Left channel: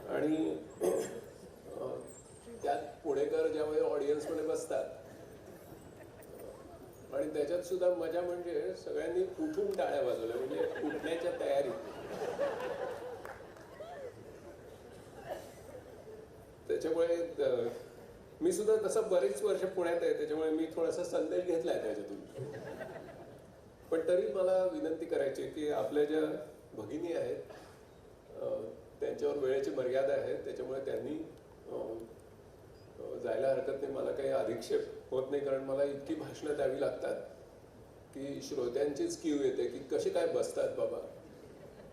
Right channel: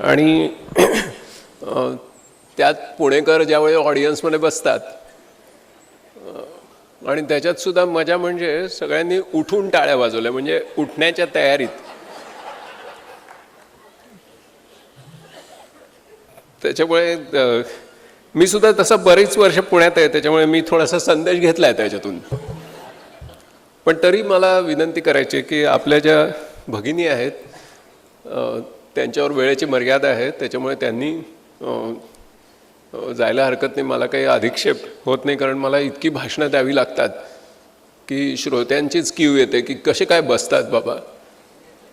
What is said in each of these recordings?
आणि त्यात पुणेकर ज्यावेळी ऑडियन्समध्ये बसतात आणि त्याच्यात सुद्धा मजा म्हणजे सगळ्यांनी उठून टाळ्या वाजवल्या, म्हणजे उठण्याच्या तयारीत. त्याच्यामुळे मी सुद्धा तसं बरीच वर्ष पुण्यात आहे, त्याच्यामुळे मी थोडासा संदेश घेतला आहे त्याच्यातून. पण तरी मला विनंती करायची की आपल्या ज्या भगिनी आहेत त्यांच्यावर वेळेची मर्यादा आहे, त्याच्यामुळे त्यांनी जायला हरकत नाही. मला काही अधिक्षेप होत नाही, कारण मला इतकी भाषणं द्यावी लागतात की श्रोत्यांचीच क्यू येते की कसे काय बसतात बाबा.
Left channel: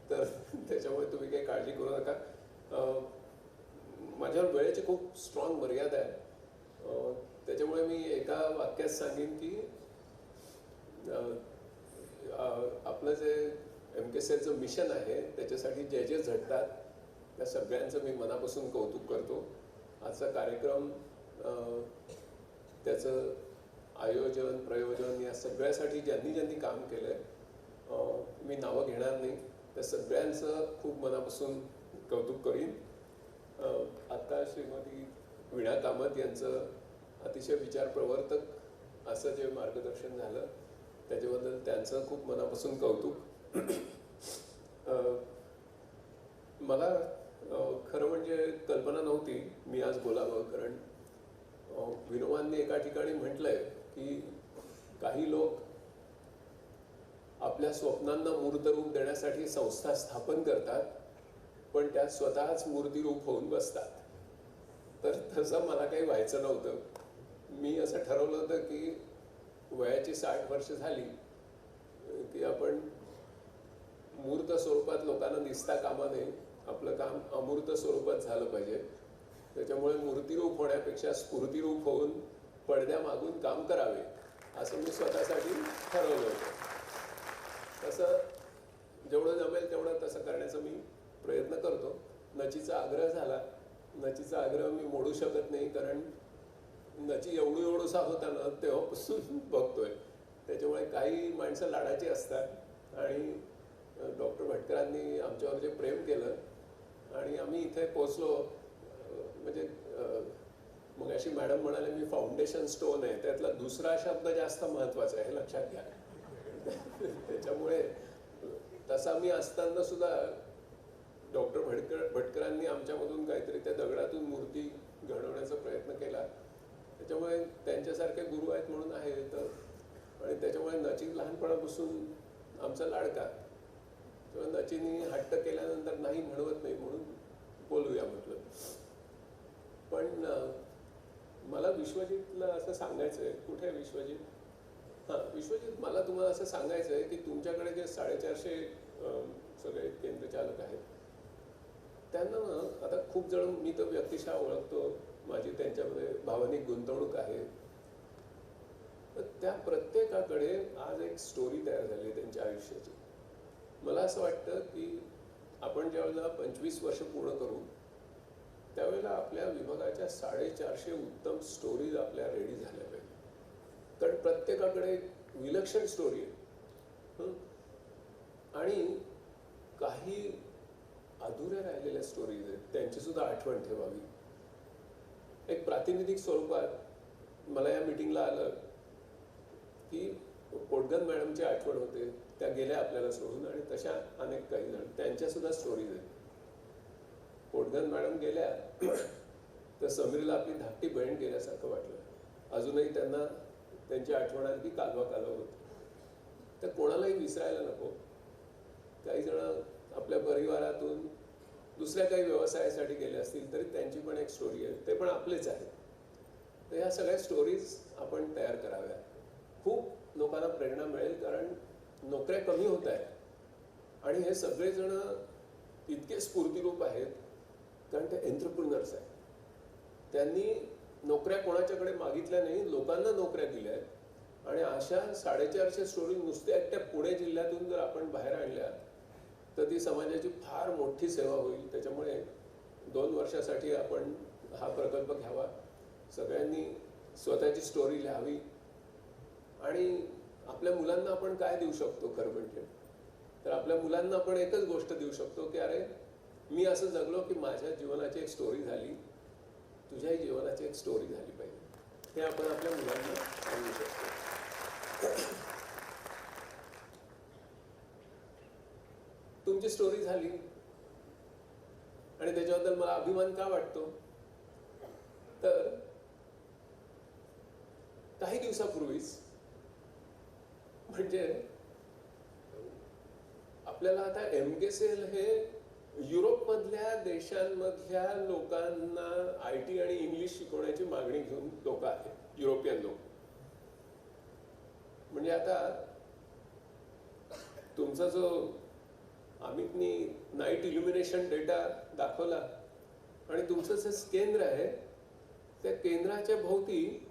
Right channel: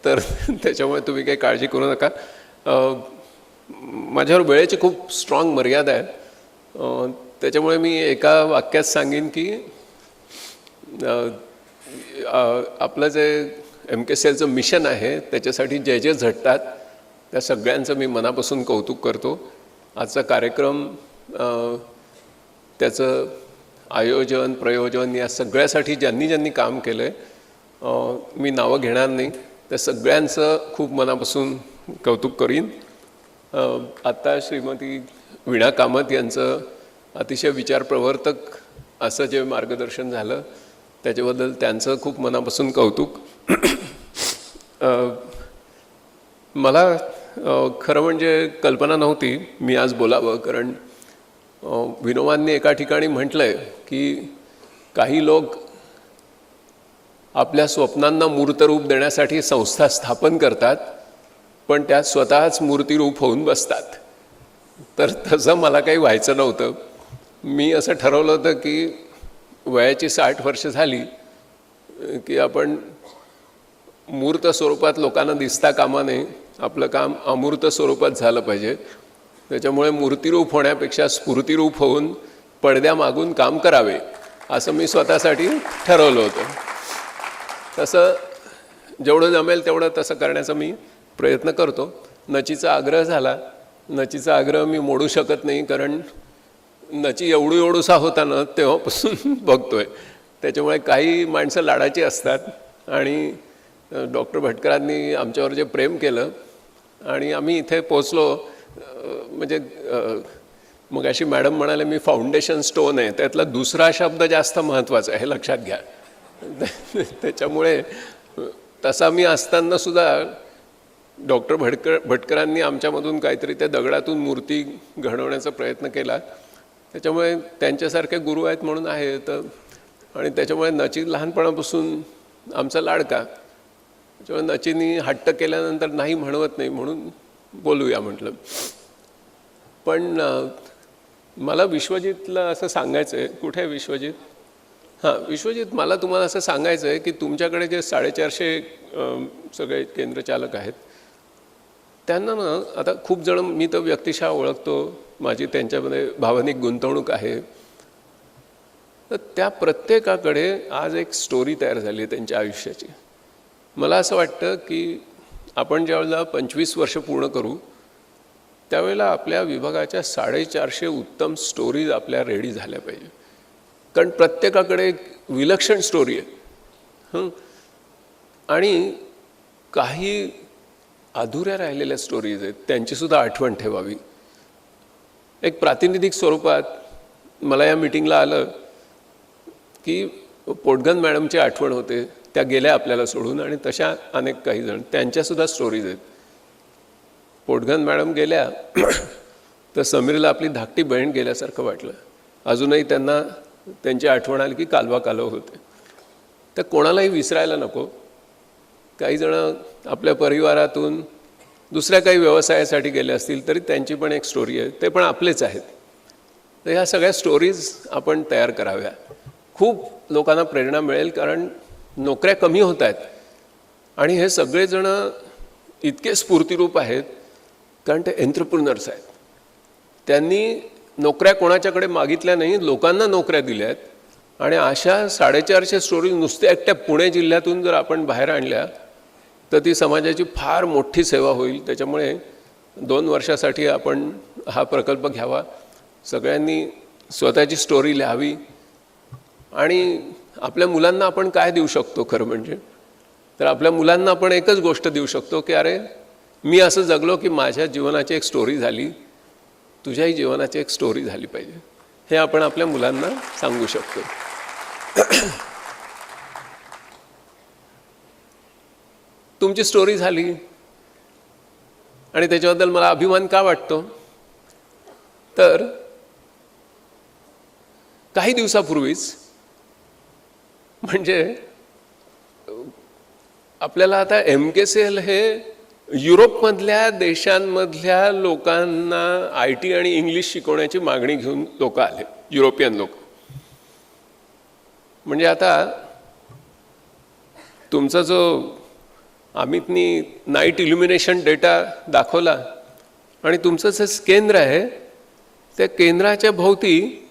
तर त्याच्यामुळे तुम्ही काही काळजी करू नका. माझ्यावर वेळेची खूप स्ट्रॉंग मर्यादा आहे, त्याच्यामुळे मी एका वाक्यात सांगेन की आपलं जे MKCLचं मिशन आहे त्याच्यासाठी जे जे झटतात त्या सगळ्यांचं मी मनापासून कौतुक करतो. आजचा कार्यक्रम त्याचं आयोजन प्रयोजन या सगळ्यासाठी ज्यांनी ज्यांनी काम केलं आहे, मी नावं घेणार नाही, त्या सगळ्यांचं खूप मनापासून कौतुक करीन. आत्ता श्रीमती वीणा कामत यांचं अतिशय विचारप्रवर्तक असं जे मार्गदर्शन झालं त्याच्याबद्दल त्यांचं खूप मनापासून कौतुक. मला खरं म्हणजे कल्पना नव्हती मी आज बोलावं, कारण विनोबांनी एका ठिकाणी म्हटलं आहे की काही लोक आपल्या स्वप्नांना मूर्तरूप देण्यासाठी संस्था स्थापन करतात, पण त्यात स्वतःच मूर्तिरूप होऊन बसतात. तर तसं मला काही व्हायचं नव्हतं. मी असं ठरवलं होतं की वयाची 60 वर्ष झाली की आपण मूर्त स्वरूपात लोकांना दिसता कामा नये, आपलं काम अमूर्त स्वरूपात झालं पाहिजे. त्याच्यामुळे मूर्तिरूप होण्यापेक्षा स्फूर्तिरूप होऊन पडद्यामागून काम करावे असं मी स्वतःसाठी ठरवलं होतं. तसं जेवढं जमेल तेवढं तसं करण्याचा मी प्रयत्न करतो. नचीचा आग्रह झाला, नचीचा आग्रह मी मोडू शकत नाही, कारण नची एवढूसा होता ना तेव्हापासून बघतोय. त्याच्यामुळे काही माणसं लाडाची असतात आणि डॉक्टर भटकरांनी आमच्यावर जे प्रेम केलं आणि आम्ही इथे पोचलो, म्हणजे मग अशी मॅडम म्हणाले मी फाउंडेशन स्टोन आहे, त्यातला दुसरा शब्द जास्त महत्त्वाचा आहे, हे लक्षात घ्या. त्याच्यामुळे तसा मी असताना सुद्धा डॉक्टर भटकरांनी आमच्यामधून काहीतरी त्या दगडातून मूर्ती घडवण्याचा प्रयत्न केला. त्याच्यामुळे त्यांच्यासारखे गुरु आहेत म्हणून आहे. तर आणि त्याच्यामुळे नची लहानपणापासून आमचा लाडका. त्याच्यामुळे नचीनी हट्ट केल्यानंतर नाही म्हणवत नाही म्हणून बोलूया म्हटलं. पण मला विश्वजितला असं सांगायचं आहे. कुठे आहे विश्वजित? हां, विश्वजित, मला तुम्हाला असं सांगायचं आहे की तुमच्याकडे जे 450 सगळे केंद्रचालक आहेत त्यांना ना आता खूप जण, मी तर व्यक्तिशः ओळखतो, माझी त्यांच्यामध्ये भावनिक गुंतवणूक आहे, तर त्या प्रत्येकाकडे आज एक स्टोरी तयार झाली आहे त्यांच्या आयुष्याची. मला असं वाटतं की आपण ज्यावेळेला 25 वर्ष पूर्ण करू त्यावेळेला आपल्या विभागाच्या 450 उत्तम स्टोरीज आपल्या रेडी झाल्या पाहिजे, कारण प्रत्येकाकडे एक विलक्षण स्टोरी आहे. आणि काही अधुऱ्या राहिलेल्या स्टोरीज आहेत, त्यांचीसुद्धा आठवण ठेवावी. एक प्रातिनिधिक स्वरूपात मला या मीटिंगला आलं की पोटगन मॅडमची आठवण होते, त्या गेल्या आपल्याला सोडून, आणि तशा अनेक काही जण त्यांच्यासुद्धा स्टोरीज आहेत. पोटगन मॅडम गेल्या तर समीरला आपली धाकटी बहीण गेल्यासारखं वाटलं. अजूनही त्यांना त्यांची आठवण आली की कालवा कालव होते. तर कोणालाही विसरायला नको. काही जण आपल्या परिवारातून दुसऱ्या काही व्यवसायासाठी गेले असतील तरी त्यांची पण एक स्टोरी आहे, ते पण आपलेच आहेत. तर ह्या सगळ्या स्टोरीज आपण तयार कराव्या. खूप लोकांना प्रेरणा मिळेल, कारण नोकऱ्या कमी होत आहेत आणि हे सगळेजण इतके स्फूर्तिरूप आहेत कारण ते एंट्रप्रिनर्स आहेत. त्यांनी नोकऱ्या कोणाच्याकडे मागितल्या नाही, लोकांना नोकऱ्या दिल्या आहेत. आणि अशा 450 स्टोरीज नुसत्या एकट्या पुणे जिल्ह्यातून जर आपण बाहेर आणल्या तर ती समाजाची फार मोठी सेवा होईल. त्याच्यामुळे 2 वर्षासाठी आपण हा प्रकल्प घ्यावा. सगळ्यांनी स्वतःची स्टोरी लिहावी आणि आपल्या मुलांना आपण काय देऊ शकतो खरं म्हणजे, तर आपल्या मुलांना आपण एकच गोष्ट देऊ शकतो की अरे मी असं जगलो की माझ्या जीवनाची एक स्टोरी झाली, तुझ्याही जीवनाची एक स्टोरी झाली पाहिजे, हे आपण आपल्या मुलांना सांगू शकतो. तुमची स्टोरी झाली आणि त्याच्याबद्दल मला अभिमान का वाटतो, तर काही दिवसापूर्वीच, म्हणजे आपल्याला आता MKCL हे युरोपमधल्या देशांमधल्या लोकांना IT आणि इंग्लिश शिकवण्याची मागणी घेऊन लोक आले, युरोपियन लोक. म्हणजे आता तुमचा जो अमितनी नाईट इल्युमिनेशन डेटा दाखवला आणि तुमचं जे केंद्र आहे त्या केंद्राच्या भोवती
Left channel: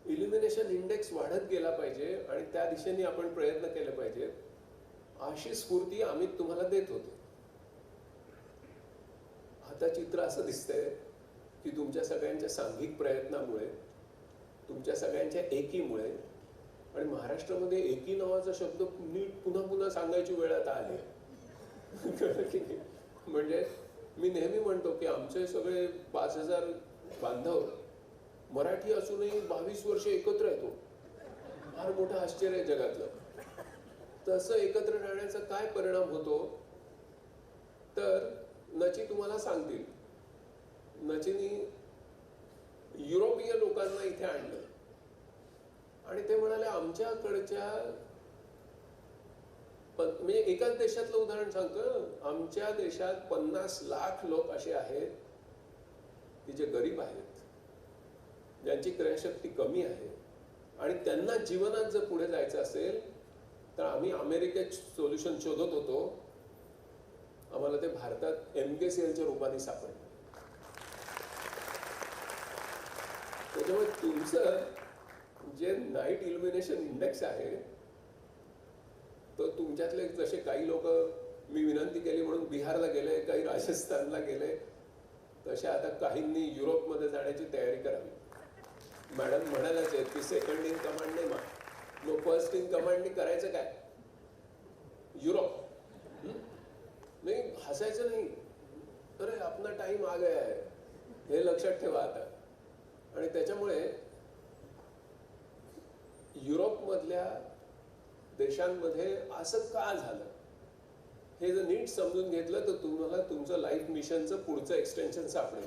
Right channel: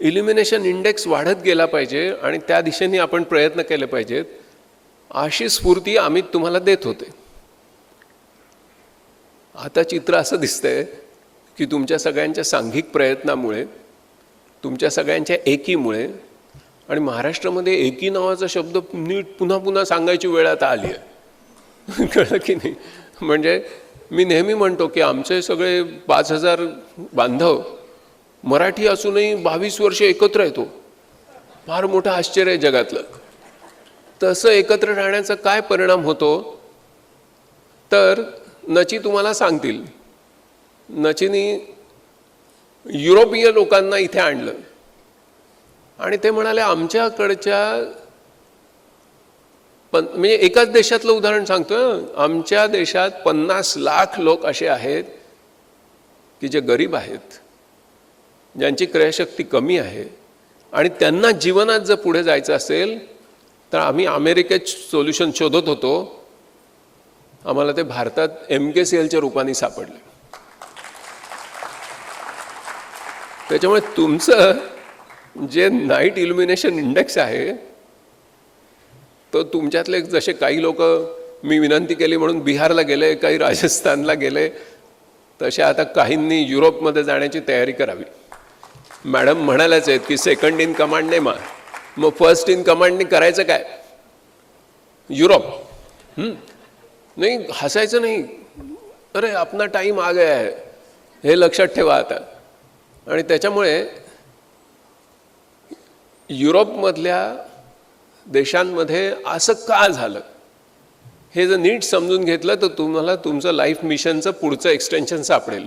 इल्युमिनेशन इंडेक्स वाढत गेला पाहिजे आणि त्या दिशेने आपण प्रयत्न केले पाहिजेत, अशी स्फूर्ती अमित तुम्हाला देत होते. आता चित्र असं दिसतंय की तुमच्या सगळ्यांच्या सांघिक प्रयत्नामुळे, तुमच्या सगळ्यांच्या एकीमुळे, आणि महाराष्ट्रामध्ये एकी नावाचा शब्द नीट पुन्हा पुन्हा सांगायची वेळ आता आली आहे. कळलं की नाही? म्हणजे मी नेहमी म्हणतो की आमचे सगळे 5,000 बांधव मराठी असूनही 22 वर्ष एकत्र येतो, फार मोठं आश्चर्य आहे जगातलं. तसं एकत्र राहण्याचा काय परिणाम होतो, तर नची तुम्हाला सांगतील. नचीनी युरोपीय लोकांना इथे आणलं आणि ते म्हणाले आमच्याकडच्या म्हणजे एकाच देशातलं उदाहरण सांगतोय, आमच्या देशात 50 लाख लोक असे आहेत की जे गरीब आहेत, ज्यांची क्रयशक्ती कमी आहे, आणि त्यांना जीवनात जर पुढे जायचं असेल तर आम्ही अमेरिकेत सोल्युशन शोधत होतो, आम्हाला ते भारतात MKCLच्या रूपाने सापडले. त्याच्यामुळे तुमचं जे नाईट इल्युमिनेशन इंडेक्स आहे तो तुमच्यातले जसे काही लोक मी विनंती केली म्हणून बिहारला गेले, काही राजस्थानला गेले, तसे आता काहींनी युरोपमध्ये जाण्याची तयारी करावी. मॅडम म्हणाल्याच आहेत की सेकंड इन कमांड नाही, मग फर्स्ट इन कमांडने करायचं काय? युरोप. नाही, हसायचं नाही, अरे अपना टाइम आ गया है, हे लक्षात ठेवा आता. आणि त्याच्यामुळे युरोपमधल्या देशांमध्ये असं का झालं हे जर नीट समजून घेतलं तर तुम्हाला तुमचं लाईफ मिशनचं पुढचं एक्सटेन्शन सापडेल.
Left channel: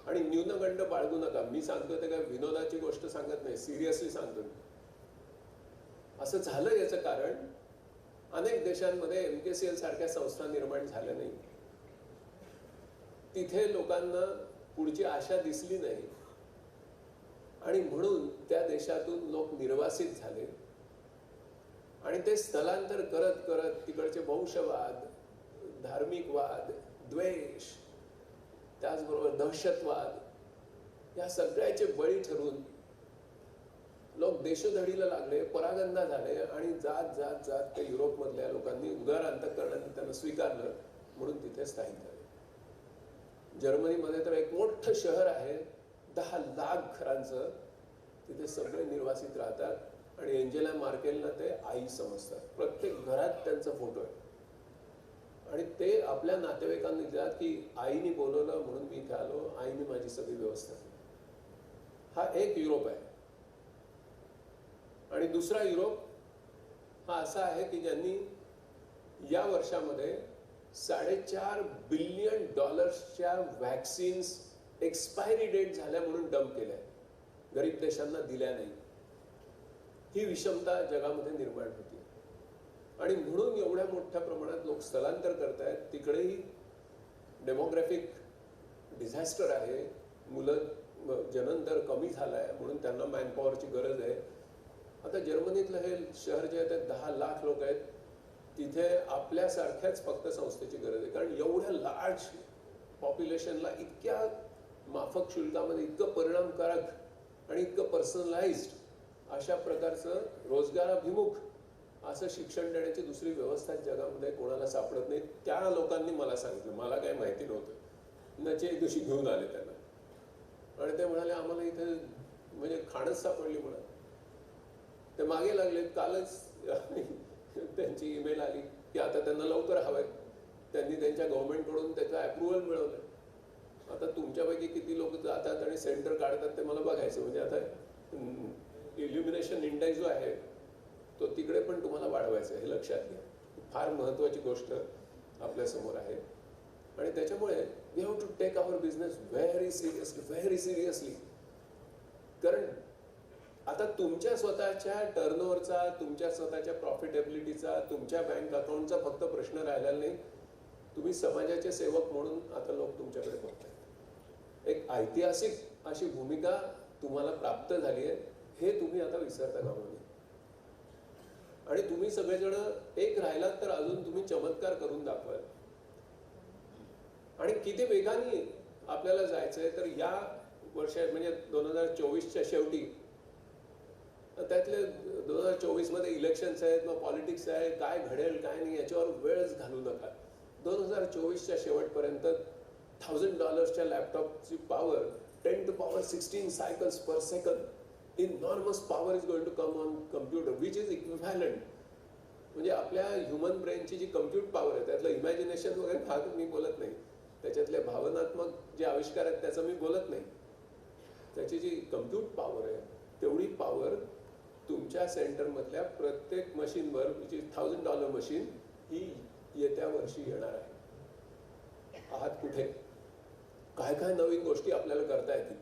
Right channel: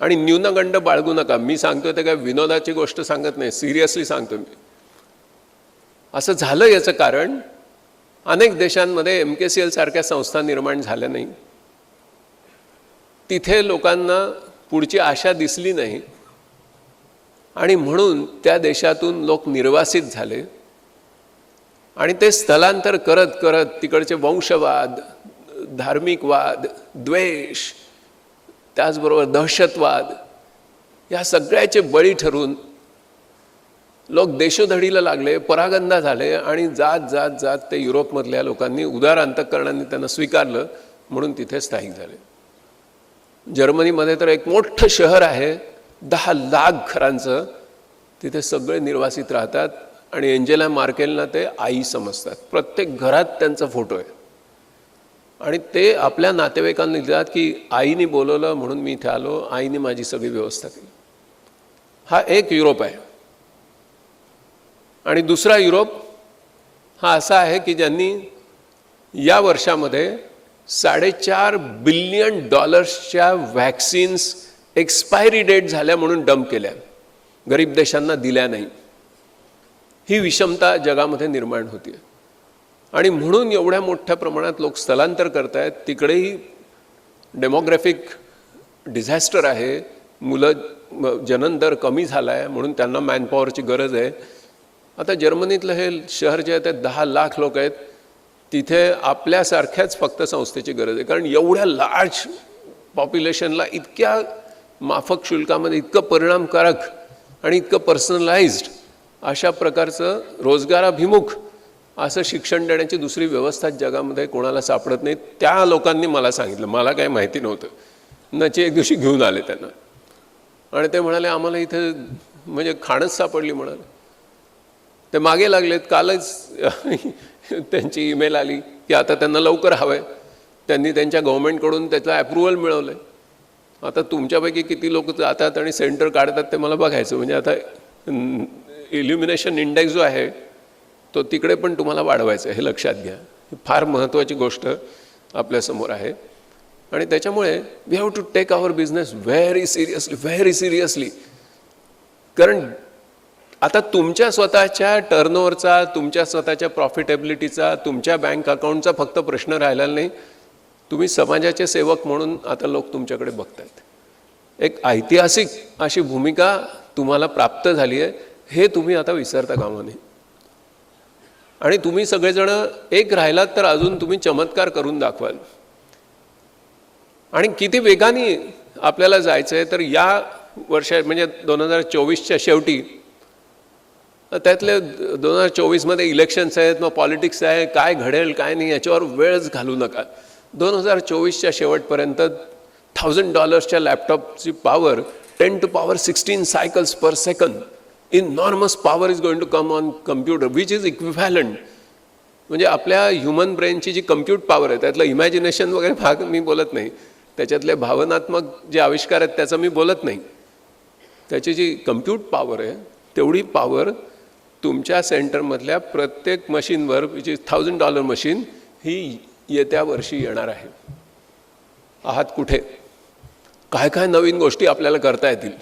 आणि न्यूनगंड बाळगू नका. मी सांगतोय ते काय विनोदाची गोष्ट सांगत नाही, सिरियसली सांगतो मी. असं झालं याचं कारण अनेक देशांमध्ये MKCL सारख्या संस्था निर्माण झाल्या नाही, तिथे लोकांना पुढची आशा दिसली नाही आणि म्हणून त्या देशातून लोक निर्वासित झाले आणि ते स्थलांतर करत करत तिकडचे वंशवाद, धार्मिक वाद, द्वेष, त्याचबरोबर दहशतवाद या सगळ्याचे बळी ठरून लोक देशोधडीला लागले, परागंदा झाले आणि जात जात जात ते युरोपमधल्या लोकांनी उदार अंतःकरणाने त्यांना स्वीकारलं म्हणून तिथे स्थायिक झाले. जर्मनीमध्ये तर एक मोठं शहर आहे 10 लाख घरांचं, तिथे सगळे निर्वासित राहतात आणि एंजेला मार्केलना ते आई समजतात. प्रत्येक घरात त्यांचा फोटो आहे आणि ते आपल्या नातेवाईकांना लिहितात की आईने बोलवलं म्हणून मी इथे आलो, आईने माझी सगळी व्यवस्था केली. हा एक युरोप आहे. आणि दुसरा युरोप हा असा आहे की ज्यांनी या वर्षामध्ये $4.5 बिलियन व्हॅक्सिन्स एक्सपायरी डेट झाल्या म्हणून डंप केल्या, गरीब देशांना दिल्या नाही. ही विषमता जगामध्ये निर्माण होती आणि म्हणून एवढ्या मोठ्या प्रमाणात लोक स्थलांतर करत आहेत. तिकडेही डेमोग्राफिक डिझॅस्टर आहे, मुलं जनन दर कमी झाला आहे म्हणून त्यांना मॅनपॉवरची गरज आहे. आता जर्मनीतलं हे शहर जे आहे ते 10 लाख लोक आहेत, तिथे आपल्यासारख्याच फक्त संस्थेची गरज आहे. कारण एवढ्या लार्ज पॉप्युलेशनला इतक्या माफक शुल्कामध्ये इतकं परिणामकारक आणि इतकं पर्सनलाइज्ड अशा प्रकारचं रोजगाराभिमुख असं शिक्षण देण्याची दुसरी व्यवस्था जगामध्ये कोणाला सापडत नाही. त्या लोकांनी मला सांगितलं, मला काही माहिती नव्हतं. नची एक दिवशी घेऊन आले त्यांना आणि ते म्हणाले आम्हाला इथे म्हणजे खाणंच सापडली म्हणाले. ते मागे लागलेत. कालच त्यांची ईमेल आली की आता त्यांना लवकर हवंय. त्यांनी त्यांच्या गव्हर्नमेंटकडून त्याचं अप्रुव्हल मिळवलं आहे. आता तुमच्यापैकी किती लोक जातात आणि सेंटर काढतात ते मला बघायचं. म्हणजे आता इल्युमिनेशन इंडेक्स जो आहे तो तिकडे पण तुम्हाला वाढवायचा आहे, हे लक्षात घ्या. ही फार महत्त्वाची गोष्ट आपल्यासमोर आहे. आणि त्याच्यामुळे we have to take our business very seriously. कारण आता तुमच्या स्वतःच्या टर्नओव्हरचा, तुमच्या स्वतःच्या प्रॉफिटेबिलिटीचा, तुमच्या बँक अकाउंटचा फक्त प्रश्न राहिलेला नाही. तुम्ही समाजाचे सेवक म्हणून आता लोक तुमच्याकडे बघतायत. एक ऐतिहासिक अशी भूमिका तुम्हाला प्राप्त झाली आहे, हे तुम्ही आता विसरता कामा नये. आणि तुम्ही सगळेजण एक राहिलात तर अजून तुम्ही चमत्कार करून दाखवाल. आणि किती वेगाने आपल्याला जायचं आहे, तर या वर्षा म्हणजे 2024च्या शेवटी, त्यातले 2024मध्ये इलेक्शन्स आहेत, मग पॉलिटिक्स आहे, काय घडेल काय नाही याच्यावर वेळच घालू नका. 2024च्या शेवटपर्यंत $1000च्या लॅपटॉपची power 10 to power 16 cycles per second. Enormous power is going to come on computer, which is equivalent. म्हणजे आपल्या ह्युमन ब्रेनची जी कम्प्यूट पॉवर आहे, त्यातलं इमॅजिनेशन वगैरे भाग मी बोलत नाही, त्याच्यातले भावनात्मक जे आविष्कार आहेत त्याचं मी बोलत नाही. त्याची जी कम्प्यूट पॉवर आहे तेवढी पॉवर तुमच्या सेंटरमधल्या प्रत्येक मशीनवर, विच इज $1000 मशीन, ही येत्या वर्षी येणार आहे. आहात कुठे? काय काय नवीन गोष्टी आपल्याला करता येतील.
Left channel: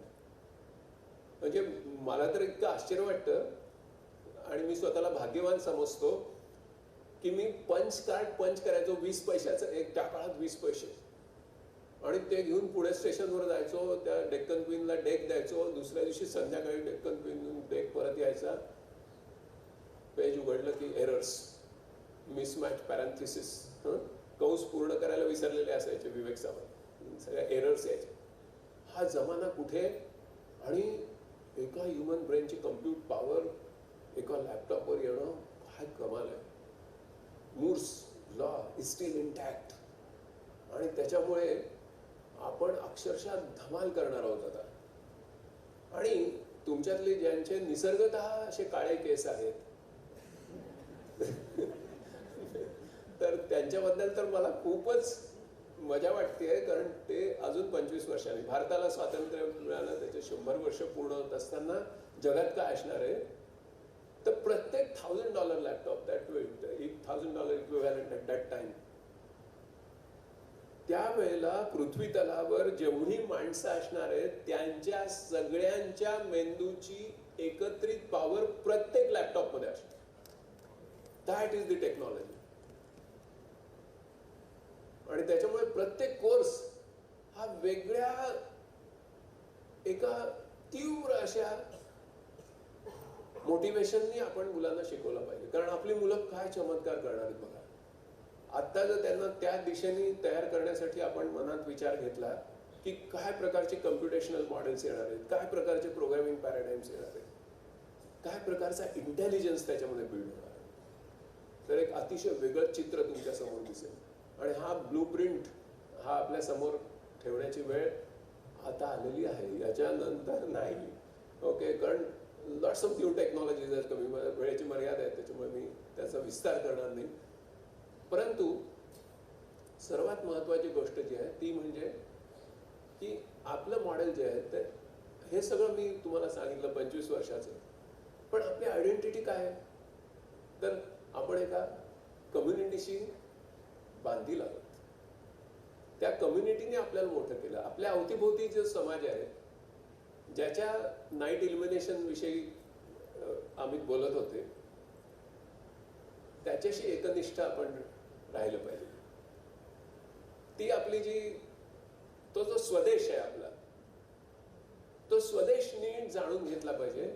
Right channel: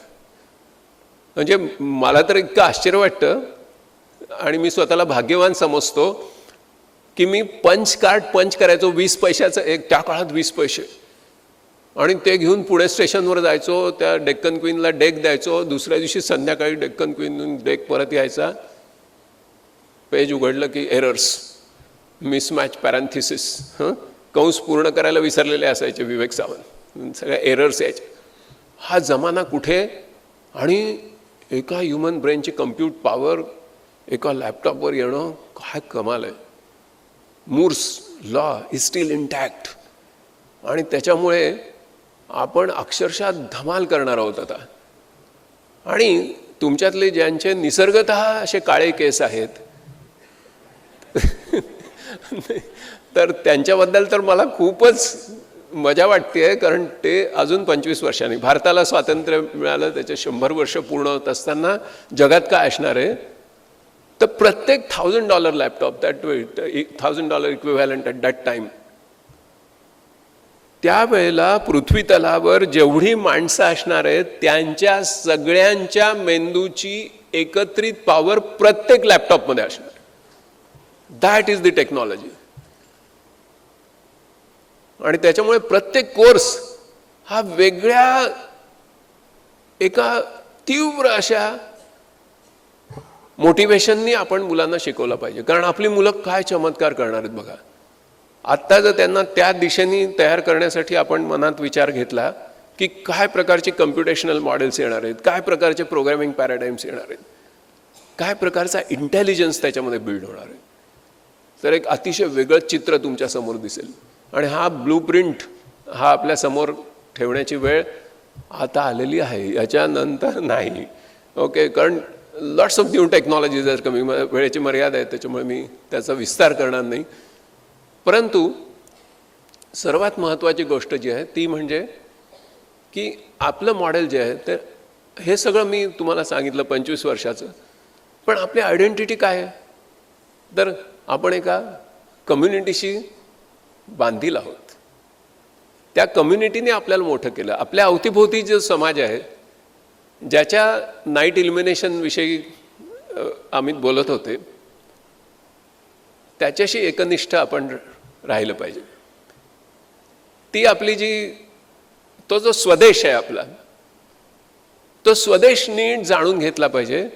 म्हणजे मला तर इतकं आश्चर्य वाटतं आणि मी स्वतःला भाग्यवान समजतो की मी पंच कार्ड पंच करायचो 20 पैशाचं एक, त्या काळात 20 पैसे, आणि ते घेऊन पुणे स्टेशनवर जायचो, त्या डेक्कन क्वीनला डेक द्यायचो, दुसऱ्या दिवशी संध्याकाळी डेक्कन क्वीनहून डेक परत यायचा. पेज उघडलं की एरर्स, मिसमॅच, पॅरेंथिसिस, कंस पूर्ण करायला विसरलेले असायचे विवेक सावंत, सगळ्या एरर्स यायचे. हा जमाना कुठे? आणि एका ह्युमन ब्रेनची कम्प्यूट पॉवर एका लॅपटॉपवर येणं, काय कमाल आहे. Moore's law is still intact. आणि त्याच्यामुळे आपण अक्षरशः धमाल करणार आहोत आता. आणि तुमच्यातले ज्यांचे निसर्गतः असे काळे केस आहेत तर त्यांच्याबद्दल तर मला खूपच मजा वाटते. कारण ते अजून 25 वर्षांनी, भारताला स्वातंत्र्य मिळालं त्याचे 100 वर्ष पूर्ण होत असताना जगात काय असणार आहे, तर प्रत्येक $1000 laptop, that $1000 equivalent at that time, त्यावेळेला पृथ्वी तलावर जेवढी माणसं असणार आहेत त्यांच्या सगळ्यांच्या मेंदूची एकत्रित पॉवर प्रत्येक लॅपटॉपमध्ये असणार. That is the technology. आणि त्याच्यामुळे प्रत्येक कोर्स हा वेगळ्या एका तीव्र अशा मोटिवेशननी आपण मुलांना शिकवलं पाहिजे. कारण आपली मुलं काय चमत्कार करणार आहेत बघा. आत्ता जर त्यांना त्या दिशेने तयार करण्यासाठी आपण मनात विचार घेतला की काय प्रकारचे कम्प्युटेशनल मॉडेल्स येणार आहेत, काय प्रकारचे प्रोग्रामिंग पॅराडाईम्स येणार आहेत, काय प्रकारचा इंटेलिजन्स त्याच्यामध्ये बिल्ड होणार आहे, तर एक अतिशय वेगळं चित्र तुमच्यासमोर दिसेल. आणि हा ब्लूप्रिंट हा आपल्यासमोर ठेवण्याची वेळ आता आलेली आहे, याच्यानंतर नाही. ओके, कारण लॉट्स ऑफ न्यू टेक्नॉलॉजी जर कमी, वेळेची मर्यादा आहे त्याच्यामुळे मी त्याचा विस्तार करणार नाही. परंतु सर्वात महत्त्वाची गोष्ट जी आहे ती म्हणजे की आपलं मॉडेल जे आहे तर हे सगळं मी तुम्हाला सांगितलं 25 वर्षाचं, पण आपली आयडेंटिटी काय आहे, तर आपण एका कम्युनिटीशी बांधील आहोत. त्या कम्युनिटीने आपल्याला मोठं केलं. आपल्या अवतीभोवती जो समाज आहे, ज्याच्या नाईट इल्युमिनेशन विषयी अमित बोलत होते, त्याच्याशी एकनिष्ठ आपण राहिलं पाहिजे. ती आपली तो जो स्वदेश आहे आपला, तो स्वदेश नीट जाणून घेतला पाहिजे.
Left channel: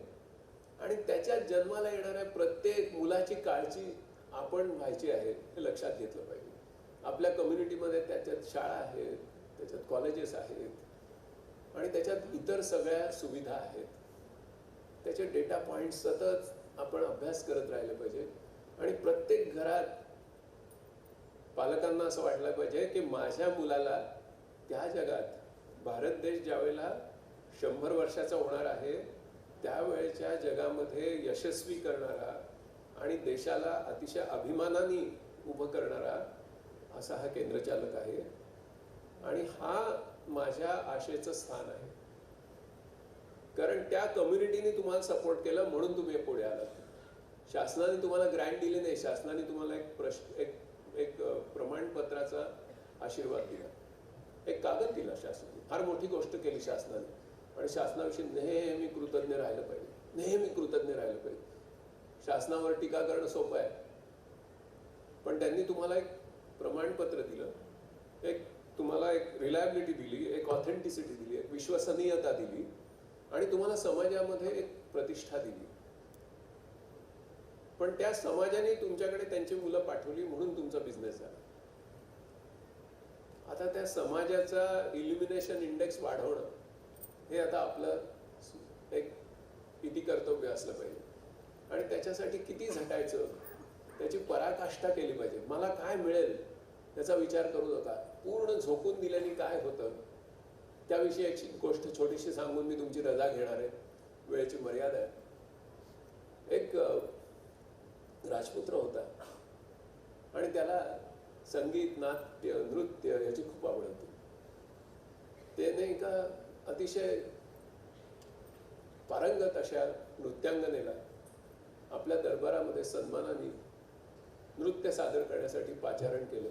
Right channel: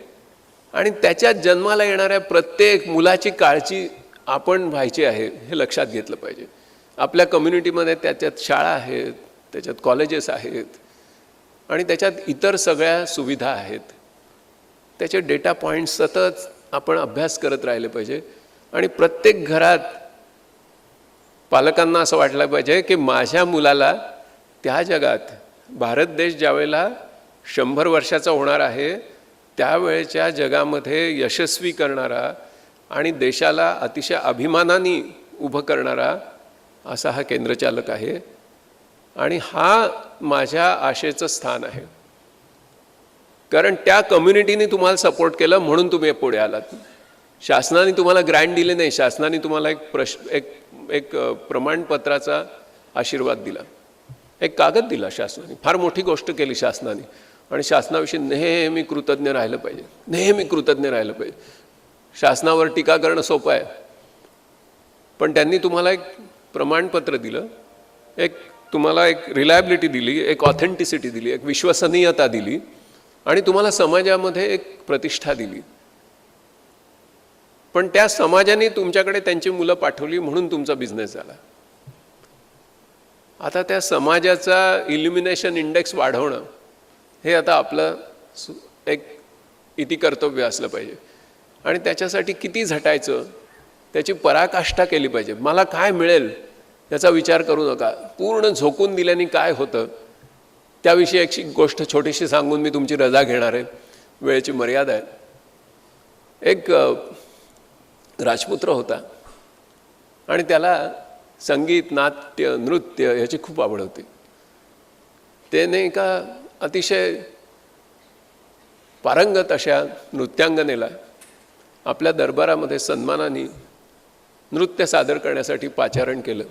आणि त्याच्यात जन्माला येणाऱ्या प्रत्येक मुलाची काळजी आपण व्हायची आहे हे लक्षात घेतलं पाहिजे. आपल्या कम्युनिटीमध्ये त्याच्यात शाळा आहेत, त्याच्यात कॉलेजेस आहेत, आणि त्याच्यात इतर सगळ्या सुविधा आहेत. त्याचे डेटा पॉईंट्स सतत आपण अभ्यास करत राहिले पाहिजे. आणि प्रत्येक घरात पालकांना असं वाटलं पाहिजे की माझ्या मुलाला त्या जगात, भारत देश ज्यावेळेला 100 वर्षाचा होणार आहे त्यावेळेच्या जगामध्ये यशस्वी करणारा आणि देशाला अतिशय अभिमानाने उभं करणारा असा हा केंद्रचालक आहे आणि हा माझ्या आशेचं स्थान आहे. कारण त्या कम्युनिटीने तुम्हाला सपोर्ट केलं म्हणून तुम्ही पुढे आलात. शासनाने तुम्हाला ग्रँट दिले नाही, शासनाने तुम्हाला एक प्रमाणपत्राचा आशीर्वाद दिला, एक कागद दिला शासनाने. फार मोठी गोष्ट केली शासनाने आणि शासनाविषयी नेहमी कृतज्ञ राहिलं पाहिजे, नेहमी कृतज्ञ राहिलं पाहिजे. शासनावर टीका करणं सोपं आहे, पण त्यांनी तुम्हाला एक प्रमाणपत्र दिलं, तुम्हाला एक रिलायबिलिटी दिली, एक ऑथेंटिसिटी दिली, एक विश्वसनीयता दिली आणि तुम्हाला समाजामध्ये एक प्रतिष्ठा दिली. पण त्या समाजाने तुमच्याकडे त्यांची मुलं पाठवली म्हणून तुमचा बिझनेस झाला. आता त्या समाजाचा इल्युमिनेशन इंडेक्स वाढवणं हे आता आपलं एक इति कर्तव्य असलं पाहिजे आणि त्याच्यासाठी किती झटायचं, त्याची पराकाष्ठा केली पाहिजे. मला काय मिळेल याचा विचार करू नका. पूर्ण झोकून दिल्याने काय होतं त्याविषयी एक गोष्ट छोटीशी सांगून मी तुमची रजा घेणार आहे, वेळेची मर्यादा आहे. एक राजपुत्र होता आणि त्याला संगीत, नाट्य, नृत्य याची खूप आवड होती. त्याने एका अतिशय पारंगत अशा नृत्यांगनेला आपल्या दरबारामध्ये सन्मानाने नृत्य सादर करण्यासाठी पाचारण केलं.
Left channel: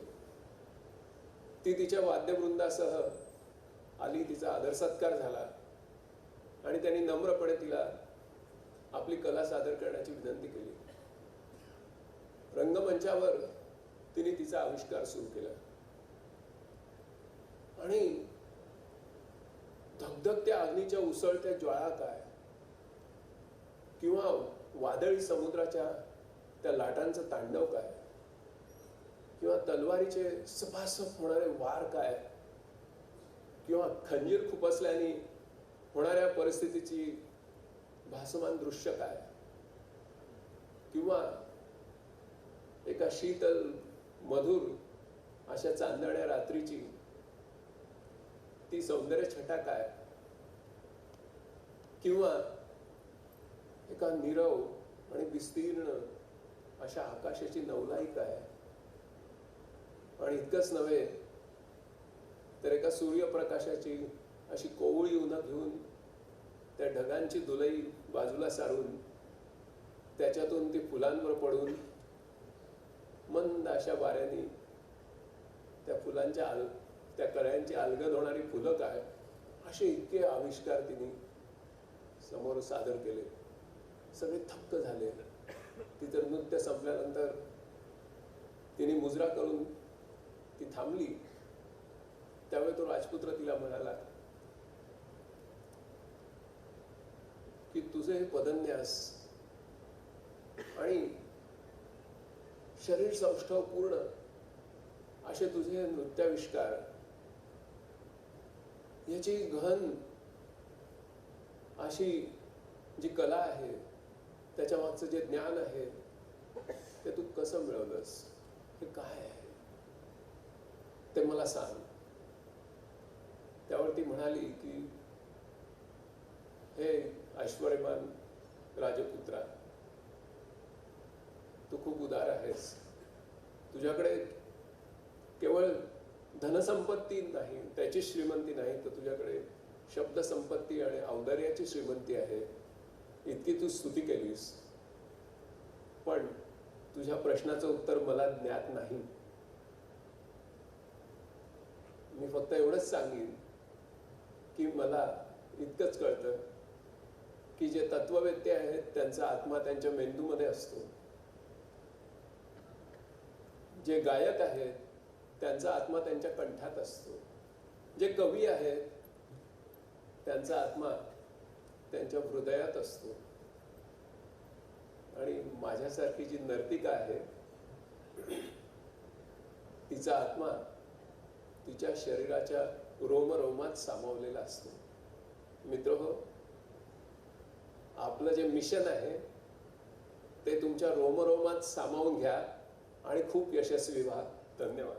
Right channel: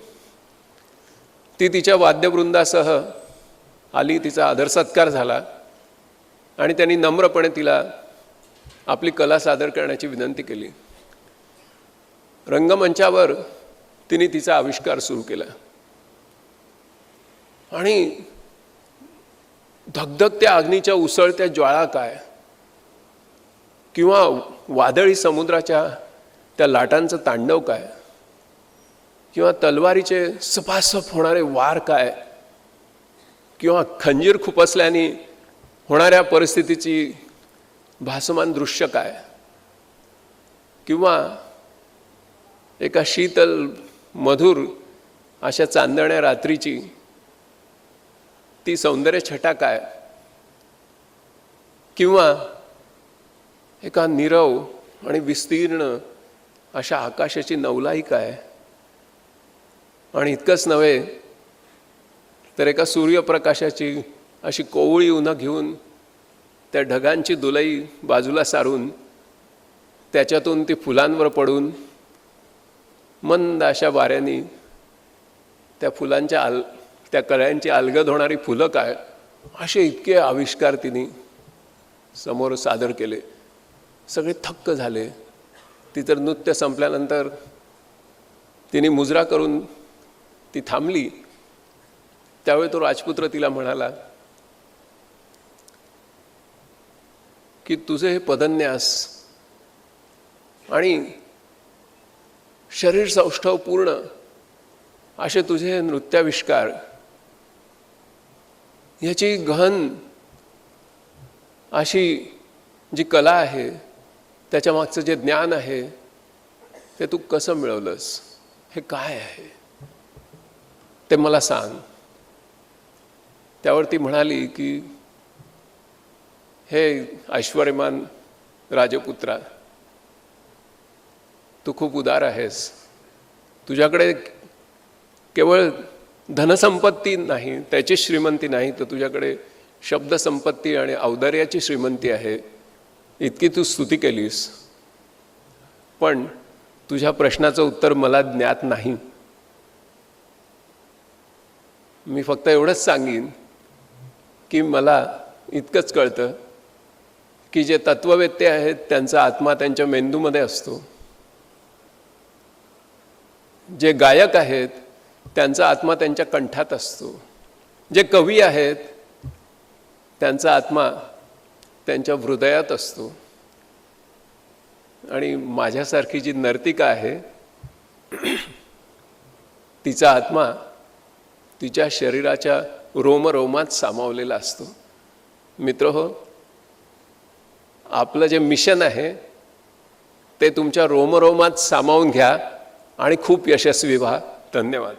ती तिच्या वाद्यवृंदासह आली, तिचा आदर सत्कार झाला आणि त्यांनी नम्रपणे तिला आपली कला सादर करण्याची विनंती केली. रंगमंचावर तिने तिचा आविष्कार सुरू केला आणि धगधगत्या अग्नीच्या उसळत्या ज्वाळा काय किंवा वादळी समुद्राच्या त्या लाटांचं तांडव काय किंवा तलवारीचे सपासप होणारे वार काय किंवा खंजीर खुपसल्याने होणाऱ्या परिस्थितीची भासमान दृश्य काय किंवा एका शीतल मधुर अशा चांदण्या रात्रीची ती सौंदर्य छटा काय किंवा एका नीरव आणि विस्तीर्ण अशा आकाशाची नवलाई काय. आणि इतकंच नव्हे तर एका सूर्यप्रकाशाची अशी कोवळी उन्हं घेऊन त्या ढगांची दुलई बाजूला सारून त्याच्यातून ती फुलांवर पडून मंद अशा वाऱ्याने त्या फुलांच्या त्या कळ्यांची अलगद होणारी फुलं काय, असे इतके आविष्कार तिने समोर सादर केले. सगळे थक्क झाले. ती तर नृत्य संपल्यानंतर तिने मुजरा करून ती थांबली. त्यावेळी तो राजपुत्र तिला म्हणाला की तुझे हे पदन्यास आणि शरीर सौष्ठव पूर्ण असे तुझे नृत्याविष्कार याची गहन अशी जी कला आहे, त्याच्या मागचं जे ज्ञान आहे ते तू कसं मिळवलंस, हे काय आहे ते मला सांग. त्यावर ती म्हणाली की हे ऐश्वर्यमान राजपुत्रा, तू खूप उदार आहेस. तुझ्याकडे केवळ धनसंपत्ती नाही, त्याची श्रीमंती नाही, तर तुझ्याकडे शब्दसंपत्ती आणि औदार्याची श्रीमंती आहे. इतकी तू स्तुती केलीस, पण तुझ्या प्रश्नाचं उत्तर मला ज्ञात नाही. मी फक्त एवढंच सांगीन की मला इतकंच कळतं की जे तत्ववेत्ते आहेत त्यांचा आत्मा त्यांच्या मेंदूमध्ये असतो. जे गायक आहेत त्यांचा आत्मा त्यांच्या कंठात असतो. जे कवी आहेत त्यांचा आत्मा त्यांच्या हृदयात असतो. आणि माझ्यासारखी जी नर्तिका आहे तिचा आत्मा तिच्या शरीराच्या रोमरोमात सामावलेला असतो. मित्रहो, आपलं जे मिशन आहे ते तुमच्या रोमरोमात सामावून घ्या आणि खूप यशस्वी व्हा. धन्यवाद.